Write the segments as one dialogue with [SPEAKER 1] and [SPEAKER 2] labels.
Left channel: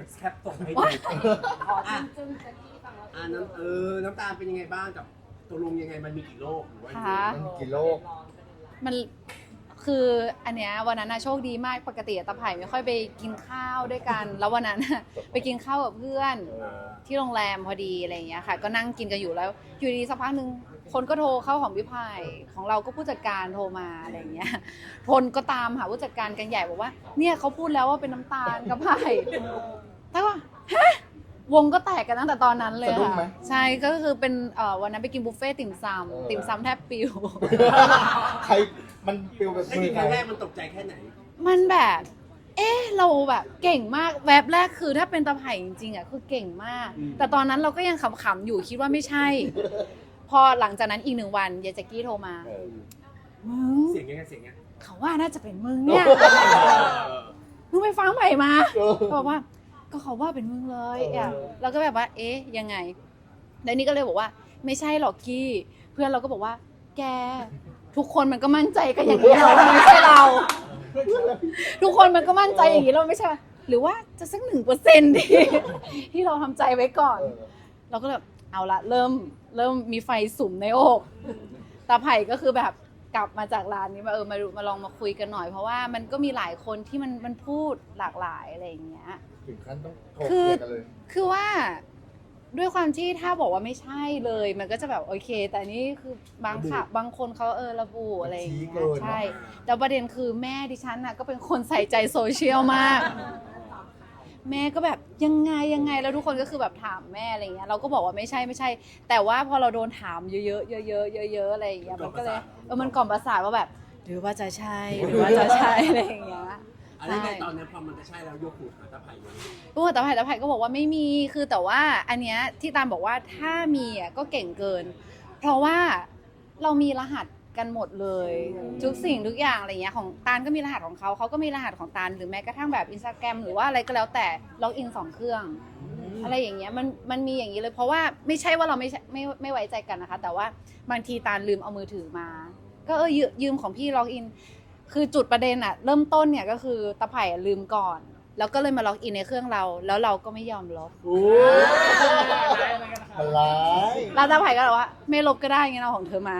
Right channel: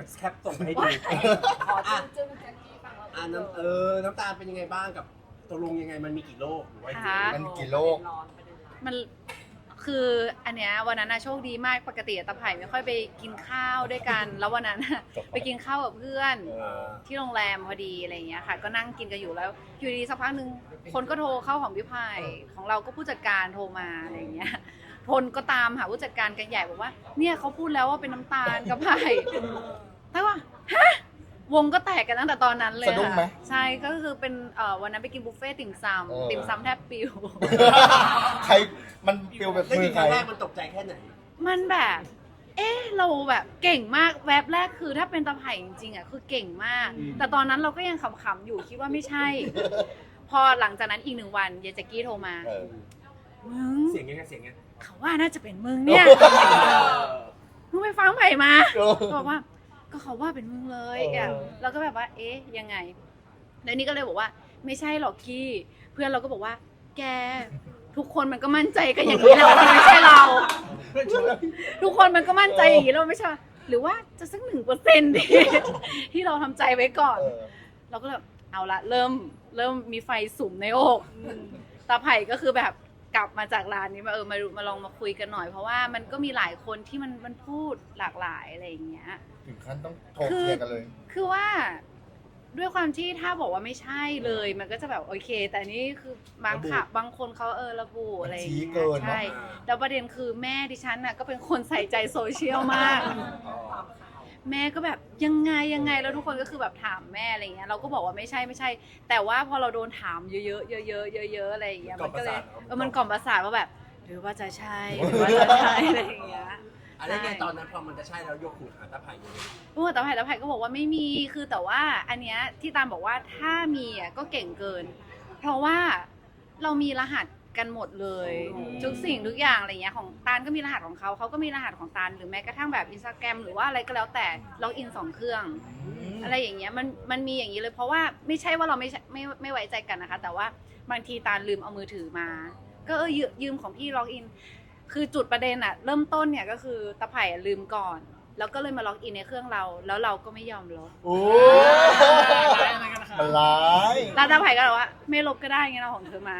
[SPEAKER 1] ดี๋ยวแคปส่งให้ดู
[SPEAKER 2] ขอจึ้งแจ็คกี้ฟังแล้ว
[SPEAKER 1] น้ำตาลเป็นยังไงบ้างกับตกลงยังไงมันมีกี่โรคหรือว่า
[SPEAKER 3] ค่ะ
[SPEAKER 4] มันกี่โรค
[SPEAKER 3] มันคืออันเนี้ยวันนั้นโชคดีมากปกติตะไผ่ไม่ค่อยไปกินข้าวด้วยกัน แล้ววันนั้นไปกินข้าวกับเพื่อนที่โรงแรมพอดีอะไรอย่างเงี้ยค่ะก็นั่งกินกันอยู่แล้วอยู่ดีสักพักหนึ่งคนก็โทรเข้าของพี่ไผ่ของเราก็ผู้จัดการโทรมาอะไรอย่างเงี้ยทนก็ตามหาผู้จัดการกันใหญ่บอกว่าเนี่ยเขาพูดแล้วว่าเป็นน้ำตาลกับไผ่แต่ว่าฮะวงก็แตกกันตั้งแต่ตอนนั้นเลย
[SPEAKER 4] สะดุ้งไหม
[SPEAKER 3] ใช่ก็คือเป็นวันนั้นไปกินบุฟเฟ่ต์ติ่มซำแทบปิว
[SPEAKER 4] ใครมันปิวแบบ
[SPEAKER 1] ได้
[SPEAKER 4] มื
[SPEAKER 1] ยิ
[SPEAKER 4] อน ใค
[SPEAKER 1] ค
[SPEAKER 4] ร
[SPEAKER 1] รั้งแรกมันตกใจแค่ไหน
[SPEAKER 3] มันแบบ เราแบบเก่งมากแวบแรกคือถ้าเป็นตะไผ่จริงๆอ่ะคือเก่งมาก แต่ตอนนั้นเราก็ยังขำๆอยู่คิดว่าไม่ใช่ พอหลังจากนั้นอีก1 วันยายแจ็กกี้โทรมามึง
[SPEAKER 1] เสียงยังไงเสียงยังไง
[SPEAKER 3] เขาว่าน่าจะเป็นมึงเนี่ยมึงไปฟังไผ่มาบอกว่าก็เขาว่าเป็นมึงเลยอ่ะเราก็แบบว่ายังไงแล้วนี่ก็เลยบอกว่าไม่ใช่หรอกกี้เพื่อนเราก็บอกว่าแกทุกคนมันก็มั่นใจกันอย่างนี้แหละว่าไม่ใช่เรา ทุกคนมันก็มั่นใจอย่างนี้เราไม่ใช่หรือว่าจะสัก1%ที่เราทำใจไว้ก่อนเราก็แบบเอาละเริ่มมีไฟสุมในอกตาไผ่ก็คือแบบกลับมาจากร้านนี้มาลองมาคุยกันหน่อยเพราะว่ามันก็มีหลายคนที่มันพูดหลากหลายอะไรอย่างเงี้ย
[SPEAKER 4] ถึงขั้นต้องโทรเคลียร์กันเลย
[SPEAKER 3] คือว่าด้วยความที่ถ้าบอกว่าไม่ใช่เลยมันก็จะแบบโอเค แต่อันนี่คือบางคนเขาระบุอะไรอย่างเงี้ยใช่แล้วประเด็นคือแม่ดิฉันน่ะก็เป็นคนใส่ใจโซเชียลมาก แม่ก็แบบยังไงแล้วทุกคนก็คือแบบถามแม่อะไรเงี้ยเราก็บอกว่าไม่ใช่แต่ว่าพอเราโดนถามเยอะๆอะไรอย่างเงี้ยมันก็เลยมันกล่อมประสาทว่าแบบหรือว่าจะใช่อะไรอย่างเงี้ย
[SPEAKER 1] อะไรแกตอนนั้นพอมันจะใช่แล้วยกหูหาตาไผ่
[SPEAKER 3] ตาไผ่ก็บอกว่าไม่มีคือแต่ว่าอันเนี้ยที่ตามบอกว่าถ้ามีก็เก่งเกินเพราะว่าเรามีรหัสกันหมดเลยทุกสิ่งทุกอย่างอะไรเงี้ยของตาลก็มีรหัสของเขาก็มีรหัสของตาลหรือแม้กระทั่งแบบ Instagram หรือว่าอะไรก็แล้วแต่ล็อกอิน2 เครื่องอะไรอย่างเงี้ยมันมีอย่างนี้เลยเพราะว่าไม่ใช่ว่าเราไม่ไว้ใจกันนะคะแต่ว่าบางทีตาลลืมเอามือถือมาก็ยืมของพี่ล็อกอินคือจุดประเด็นเริ่มต้นเนี่ยก็คือตาไผ่ลืมก่อนแล้วก็เลยมาล็อกอินในเครื่องเราแล้วเราก็ไม่ยอมลบ
[SPEAKER 4] โอ้มันร้าย
[SPEAKER 3] แล้วตาไผ่ก็บอกว่าไม่ลบก็ได้งั้นเอาของเธอมา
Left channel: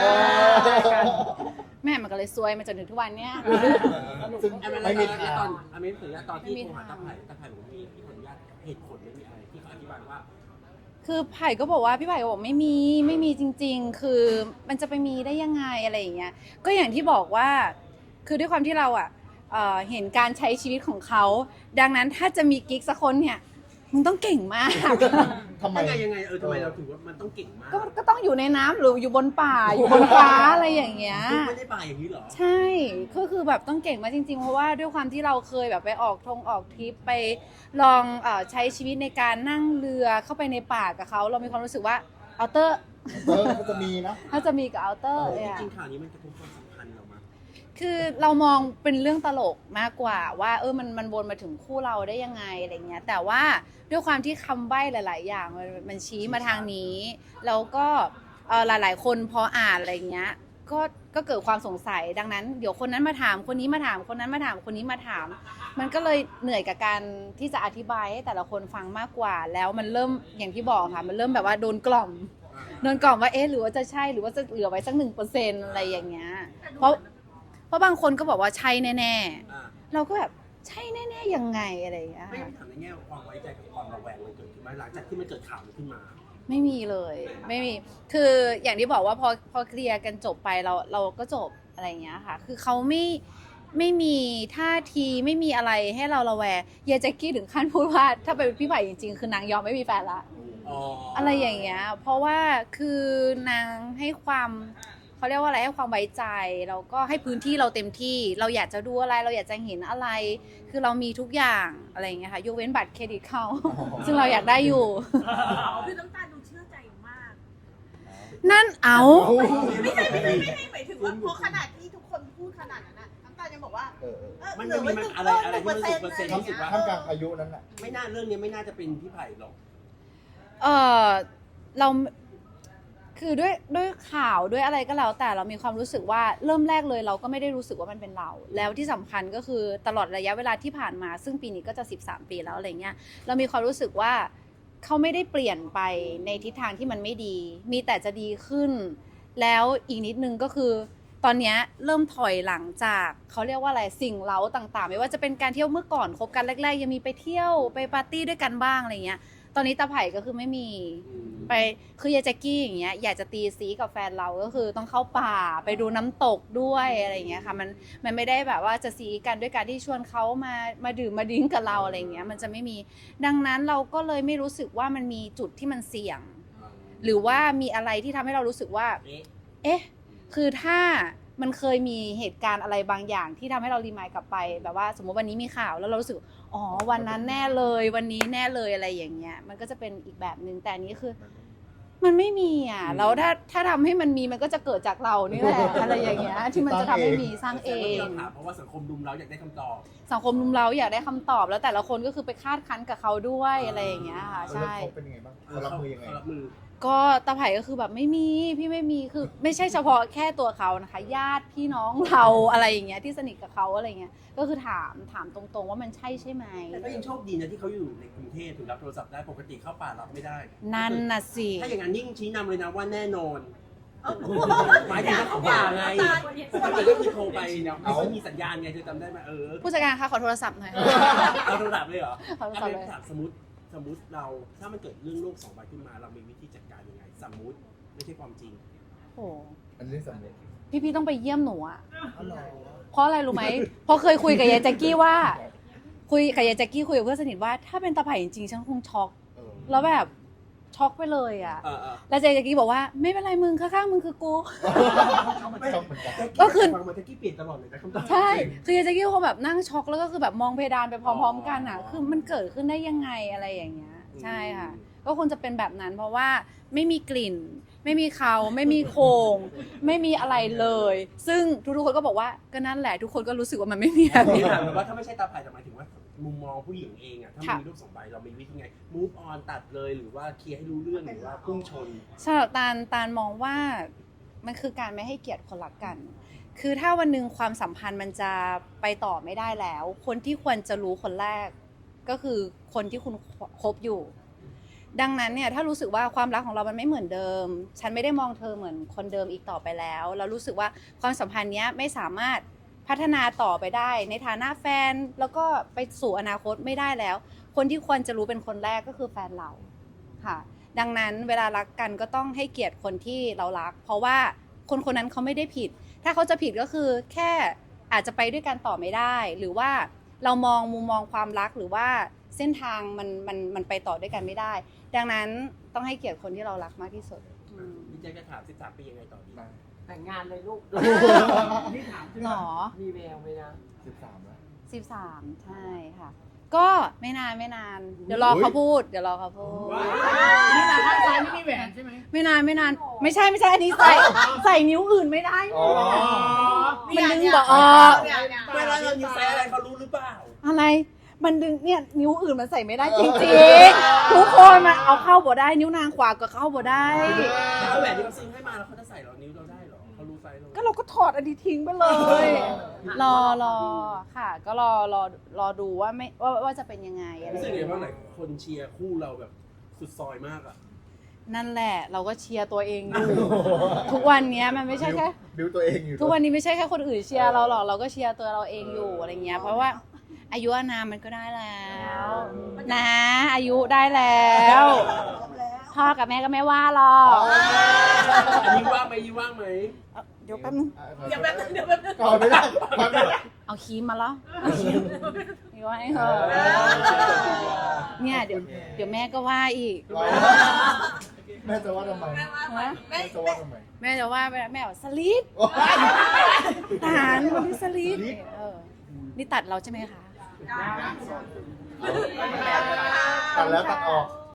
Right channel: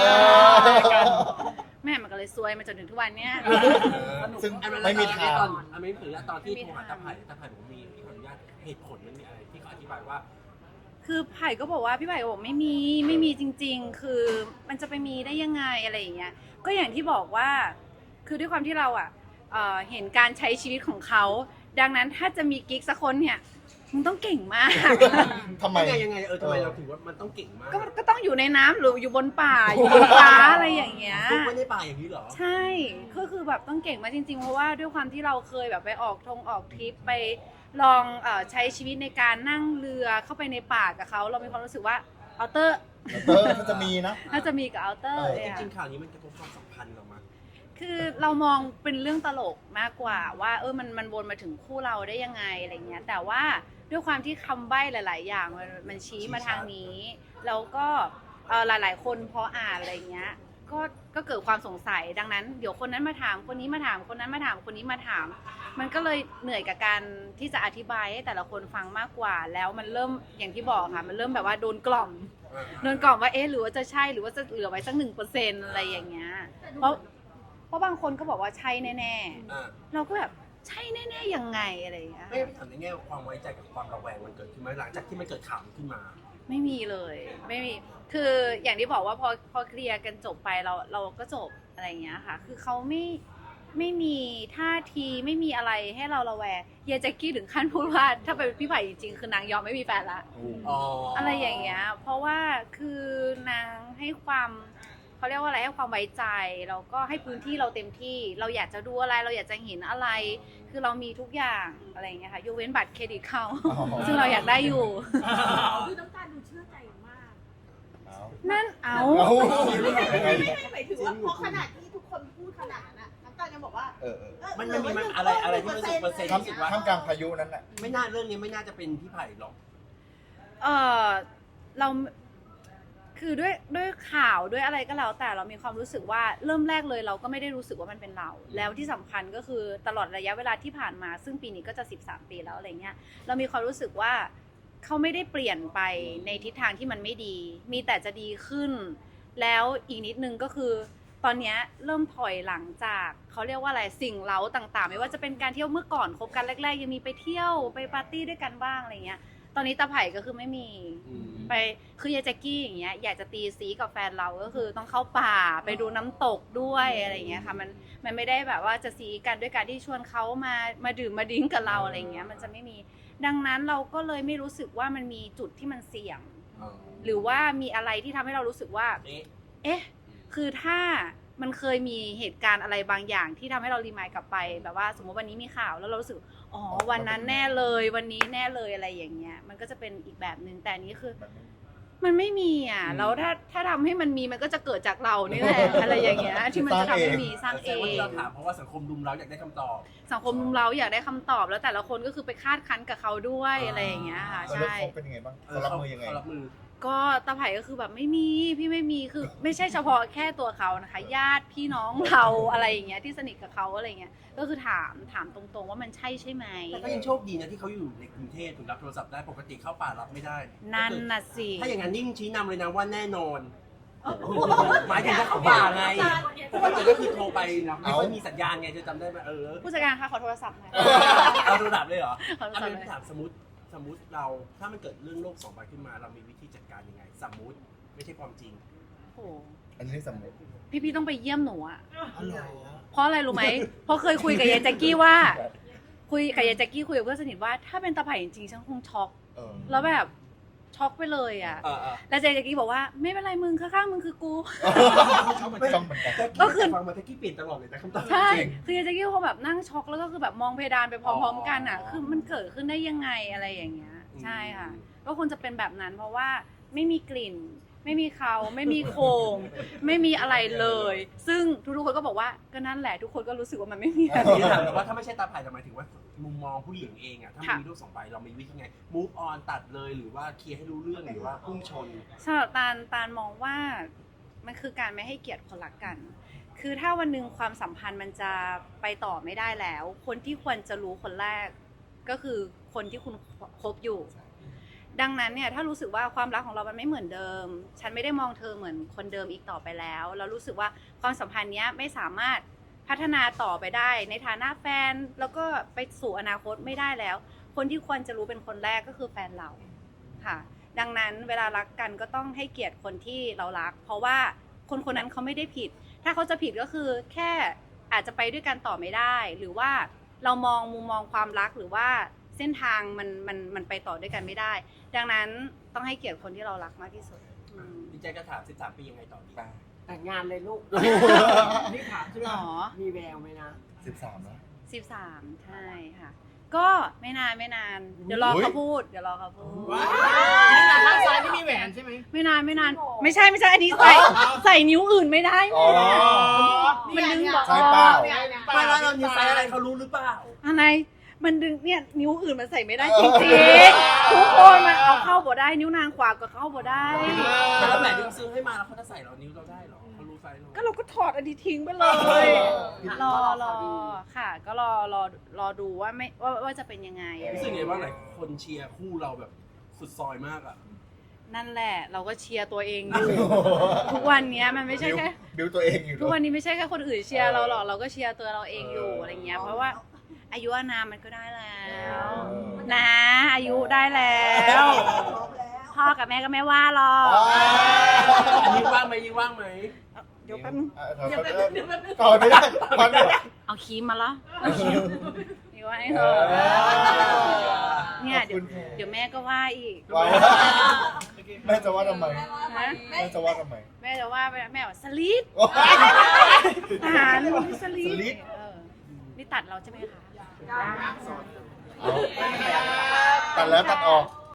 [SPEAKER 3] แม่มันก็เลยซวยมาจนถึงทุกวันเนี้ย
[SPEAKER 4] ซึ่งไม่มีทาง
[SPEAKER 1] ไม่ถึงตอนที่โทรหาตาไผ่บอกมีคนญาติเหตุผลไม่มีอะไรที่เขาอธิบายว่า
[SPEAKER 3] คือไผ่ก็บอกว่าพี่ไผ่ก็บอกไม่มีจริงๆคือมันจะไปมีได้ยังไงอะไรอย่างเงี้ยก็อย่างที่บอกว่าคือด้วยความที่เราเห็นการใช้ชีวิตของเขาดังนั้นถ้าจะมีกิ๊กสักคนเนี่ยมึงต้องเก่งมาก
[SPEAKER 4] ทำไม
[SPEAKER 1] ยังไงทำไมเราถึงว่ามันต้องเก่งมาก
[SPEAKER 3] ก็ต้องอยู่ในน้ำหรืออยู่บนป่าอยู่บนฟ้าอะไรอย่างเงี้ย
[SPEAKER 1] ไม่ได้ป่าอย่างนี้หรอ
[SPEAKER 3] ใช่คือแบบต้องเก่งมากจริงๆเพราะว่าด้วยความที่เราเคยแบบไปออกทริปไปลองใช้ชีวิตในการนั่งเรือเข้าไปในป่ากับเขาเรามีความรู้สึกว่าอัลเตอร์
[SPEAKER 4] ถ้าจะมีนะ
[SPEAKER 3] ถ้าจะมีกับอัลเตอร์
[SPEAKER 1] จริงๆข่าวนี้มันจะเป็นความสัมพันธ์เรามั้ย
[SPEAKER 3] คือเรามองเป็นเรื่องตลกมากกว่าว่ามันวนมาถึงคู่เราได้ยังไงอะไรเงี้ยแต่ว่าด้วยความที่คำใบ้หลายๆอย่างมันชี้มาทางนี้แล้วก็หลายๆคนพออ่านอะไรเงี้ยก็เกิดความสงสัยดังนั้นเดี๋ยวคนนั้นมาถามคนนี้มาถามคนนั้นมาถามคนนี้มาถามมันก็เลยเหนื่อยกับการที่จะอธิบายให้แต่ละคนฟังมากกว่าแล้วมันเริ่มอย่างที่บอกค่ะมันเริ่มแบบว่าโดนกล่อมว่าหรือว่าจะใช่หรือว่าจะเหลือไว้สัก1%อะไรอย่างเงี้ยเพราะบางคนก็บอกว่าใช่แน่ๆเราก็แบบใช่แน่ๆยังไงอะไรอย่างเงี้ย
[SPEAKER 1] ไม่ทำในแง่ความไว้ใจกับความระแวงมันเกิดขึ้นไหมหลังจากที่มันเกิดข่าวขึ้นมา
[SPEAKER 3] ไม่มีเลยไม่มีคืออย่างที่บอกว่าพอเคลียร์กันจบไปเราก็จบอะไรอย่างเงี้ยค่ะคือเขาไม่มีท่าทีไม่มีอะไรให้เราระแวงเยแจ็กกี้ถึงขั้นพูดว่าถ้าเป็นพี่ไผ่จริงๆคือนางยอมไม่มีแฟนละอะไรอย่างเงี้ยเพราะว่าคือนางให้ความเขาเรียกว่าอะไรให้ความไว้ใจแล้วก็ให้พื้นที่เราเต็มที่เราอยากจะดูอะไรเราอยากจะเห็นอะไรคือเรามีทุกอย่างอะไรอย่างเงี้ยค่ะยกเว้นบัตรเครดิตเขาซึ่งเราอยากได้อยู่
[SPEAKER 2] คือน้ำตาลดูเชื่อใจมาก
[SPEAKER 3] นั่นเอา
[SPEAKER 2] ไม่หมายถึงว่าเพราะขนาดที่ทุกคนพูดขนาดนั้นน้ำตาลยังบอกว่า
[SPEAKER 1] มันจะมีอะไรที่มัน1%
[SPEAKER 4] ท่ามกลางพายุนั้นแหละ
[SPEAKER 1] ไม่น่าเรื่องนี้ไม่น่าจะเป็นพี่ไผ่หรอก
[SPEAKER 3] เราคืคือด้วยข่าวด้วยอะไรก็แล้วแต่เรามีความรู้สึกว่าเริ่มแรกเลยเราก็ไม่ได้รู้สึกว่ามันเป็นเราแล้วที่สำคัญก็คือตลอดระยะเวลาที่ผ่านมาซึ่งปีนี้ก็จะ13 ปีแล้วอะไรเงี้ยเรามีความรู้สึกว่าเขาไม่ได้เปลี่ยนไปในทิศทางที่มันไม่ดีมีแต่จะดีขึ้นแล้วอีกนิดนึงก็คือตอนนี้เริ่มถอยหลังจากเขาเรียกว่าอะไรสิ่งเร้าต่างๆไม่ว่าจะเป็นการเที่ยวเมื่อก่อนคบกันแรกๆยังมีไปเที่ยวไปปาร์ตี้ด้วยกันบ้างอะไรเงี้ยตอนนี้ตาไผ่ก็คือไม่มีไปคือยายแจ็กกี้อย่างเงี้ยอยากจะตีซีกับแฟนเราก็คือต้องเข้าป่าไปดูน้ำตกด้วยอะไรเงี้ยค่ะมันไม่ได้แบบว่าจะซีกันด้วยการที่ชวนเขามาดื่มมาดิ้งกับเราอะไรเงี้ยมันจะไม่มีดังนั้นเราก็เลยไม่รู้สึกว่ามันมีจุดที่มันเสี่ยงหรือว่ามีอะไรที่ทำให้เรารู้สึกว่าเอ๊ะคือถ้ามันเคยมีเหตุการณ์อะไรบางอย่างที่ทำให้เรารีมายกลับไปแบบว่าสมมติวันนี้มีข่าวแล้วเรารู้สึกอ๋อวันนั้นแน่เลยวันนี้แน่เลยอะไรอย่างเงี้ยมันก็จะเป็นอีกแบบนึงแต่อันนี้คือมันไม่มีอ่ะแล้วถ้าทำให้มันมีมันก็จะเกิดจากเรานี่แหละอะไรอย่างเงี้ยที่มันจะทำให้มีสร้างเอง
[SPEAKER 1] เราถามเพราะว่าสังคมรุมเราอยากได้คำตอบ
[SPEAKER 3] สังคมรุมเราอยากได้คำตอบแล้วแต่ละคนก็คือไปคาดคั้นกับเขาด้วยอะไรอย่างเงี้ยค่ะใช่
[SPEAKER 4] เขาเป็นยังไงบ้างเขารับมือยังไง
[SPEAKER 1] เขารับมือ
[SPEAKER 3] ก็ตาไผ่ก็คือแบบไม่มีพี่ไม่มีคือไม่ใช่เฉพาะแค่ตัวเขานะคะญาติพี่น้องเราอะไรอย่างเงี้ยที่สนิทกับเขาอะไรเงี้ยก็คือถามตรงๆว่ามันใช่ไหม
[SPEAKER 1] แต่ก็ยังโชคดีนะที่เขาอยู่ในกรุงเทพถึงรับโทรศัพท์ได้ปกติเข้าป่ารับไม่ได้
[SPEAKER 3] นั่นน่ะสิ
[SPEAKER 1] ถ้าอย่างนั้นยิ่งชี้นำเลยนะว่าแน่นอนหมายถึงถ้าเข้าป่าไงปกติก็คือโทรไปไม่ค่อยมีสัญญาณไงเธอจำได้ไหม
[SPEAKER 3] ผู้จัดการคะขอโทรศัพท์หน่อย
[SPEAKER 1] เอาโทรศัพท์เลยเหรอ
[SPEAKER 3] ขอโทรศัพท์เลย
[SPEAKER 1] ถามสมมติเราถ้ามันเกิดเรื่องโลก2 ใบขึ้นมาเรามีวิธีจัดการยังไงสมมติไม่ใช่ความจริง
[SPEAKER 3] โอ้
[SPEAKER 4] อันนี้สำเร็จ
[SPEAKER 3] พี่ต้องไปเยี่ยมหนูอะเพราะอะไรรู้ไหมเพราะเคยคุยกับยายแจ็กกี้ว่าคุยกับยายแจ็กกี้คุยกับเพื่อนสนิทว่าถ้าเป็นตาไผ่จริงๆฉันคงช็อกแล้วแบบช็อกไปเลยอะแล้วยายแจ็กกี้บอกว่าไม่เป็นไรมึงข้างๆมึงคือกู
[SPEAKER 4] ต้องเหมือนกัน
[SPEAKER 3] ก็คือ
[SPEAKER 1] ฟังมาตะกี้เปลี่ยนตลอดเลยแต่คำตอบ
[SPEAKER 3] ใช่คือยายแจ็กกี้เขาแบบนั่งช็อกแล้วก็คือแบบมองเพดานไปพร้อมๆกันอะคือมันเกิดขึ้นได้ยังไงอะไรอย่างเงี้ยใช่ค่ะก็ควรจะเป็นแบบนั้นเพราะว่าไม่มีกลิ่นไม่มีเขาไม่มีโครงไม่มีอะไรเลย ซึ่งทุกๆคนก็บอกว่าก็นั่นแหละทุกคนก็รู้สึกว่ามันไม่มีแบบ
[SPEAKER 1] พี่
[SPEAKER 3] นี้
[SPEAKER 1] ถามเลยว่าถ้าไม่ใช่ตาไผ่แต่หมายถึงว่ามุมมองผู้หญิงเองอะถ้ามันมีโลก2 ใบเรามีวิธีไง move on ตัดเลยหรือว่าเคลียร์ให้รู้เรื่องหรือว่าพุ่งชน
[SPEAKER 3] สำหรับตาลมองว่ามันคือการไม่ให้เกียรติคนรักกัน คือถ้าวันหนึ่งความสัมพันธ์มันจะไปต่อไม่ได้แล้ว คนที่ควรจะรู้คนแรกก็คือคนที่คุณคบอยู่ดังนั้นเนี่ยถ้ารู้สึกว่าความรักของเรามันไม่เหมือนเดิมฉันไม่ได้มองเธอเหมือนคนเดิมอีกต่อไปแล้วแล้วรู้สึกว่าความสัมพันธ์เนี้ยไม่สามารถพัฒนาต่อไปได้ในฐานะแฟนแล้วก็ไปสู่อนาคตไม่ได้แล้วคนที่ควรจะรู้เป็นคนแรกก็คือแฟนเราค่ะดังนั้นเวลารักกันก็ต้องให้เกียรติคนที่เรารักเพราะว่าคนคนนั้นเขาไม่ได้ผิดถ้าเขาจะผิดก็คือแค่อาจจะไปด้วยกันต่อไม่ได้หรือว่าเรามองมุมมองความรักหรือว่าเส้นทางมันไปต่อด้วยกันไม่ได้ดังนั้นต้องให้เกียรติคนที่เรารักมากที่สุด
[SPEAKER 1] พี่แจ๊คจะถาม13 ปียังไงต่อดี
[SPEAKER 5] แต่งงานเลยลูก นี่ถามใช่ไหม
[SPEAKER 3] หรอ
[SPEAKER 5] มีแววไหมนะ
[SPEAKER 4] 13นะ
[SPEAKER 3] 13ใช่ค่ะก็ไม่นานเดี๋ยวรอเขาพูดนี่ตาข้างซ้ายนี่มีแหวนใช่ไหมไม่นานไม่ใช่อันนี้ใส่นิ้วอื่นไม่ได้ไงมันดึงบอกอ๋อ
[SPEAKER 1] ไม่แล้วเรานิ้วไซส์อะไรเขารู้หรือเปล่า
[SPEAKER 3] อะไรมันดึงเนี่ยนิ้วอื่นมันใส่ไม่ได้จริงๆทุกคนมันเอาเข้าบ่ได้นิ้วนางขวาก็เข้าบ่ได้
[SPEAKER 1] แต่เราแหวนที่เขาซื้อให้มาแล้วเขาจะใส่เหรอนิ้วเราได้เหรอเขารู้ไซส์เรา
[SPEAKER 3] ก็เราก็ถอดอันนี้ทิ้งไปเลย รอค่ะ ก็รอดูว่าไม่ว่าจะเป็นยังไง
[SPEAKER 1] รู้สึกไงบ้างหลายคนเชียร์คู่เราแบบสุดซอยมากอ่ะ
[SPEAKER 3] นั่นแหละเราก็เชียร์ตัวเองอยู่ ทุกวันนี้มันไม่ใช่แค่
[SPEAKER 4] บิวตัวเองอยู่
[SPEAKER 3] ทุกวันนี้ไม่ใช่แค่คนอื่นเชียร์เราหรอกเราก็เชียร์ตัวเราเองอยู่อะไรเงี้ยเพราะว่าอายุอานามมันก็ได้แล้วนะอายุได้แล้วพ่อกับแม่ก็ไม่ว่าหรอก
[SPEAKER 1] อันนี้ว่างไหม
[SPEAKER 3] เดี๋ยวแป๊บนึง
[SPEAKER 2] เดี๋ยวแป๊บนึง
[SPEAKER 4] ต่อไม่ได้พักเดียว
[SPEAKER 3] เอาครีมมาเหรอนี่ว่าให้เธอเนี่ยเดี๋ยวแม่ก็ว่าอีก
[SPEAKER 4] ว้าวแม่จะว่าทำไม
[SPEAKER 3] นะ
[SPEAKER 4] แม่จะว่าทำไม
[SPEAKER 3] แม่จะว่าแม่ว่าสลิด
[SPEAKER 4] โอ้ย
[SPEAKER 3] ทหารสลิ
[SPEAKER 4] สลิ
[SPEAKER 3] ด
[SPEAKER 4] ด
[SPEAKER 3] นี่ตัดเราใช่ไหมคะ
[SPEAKER 4] ตัดแล้วตัดออก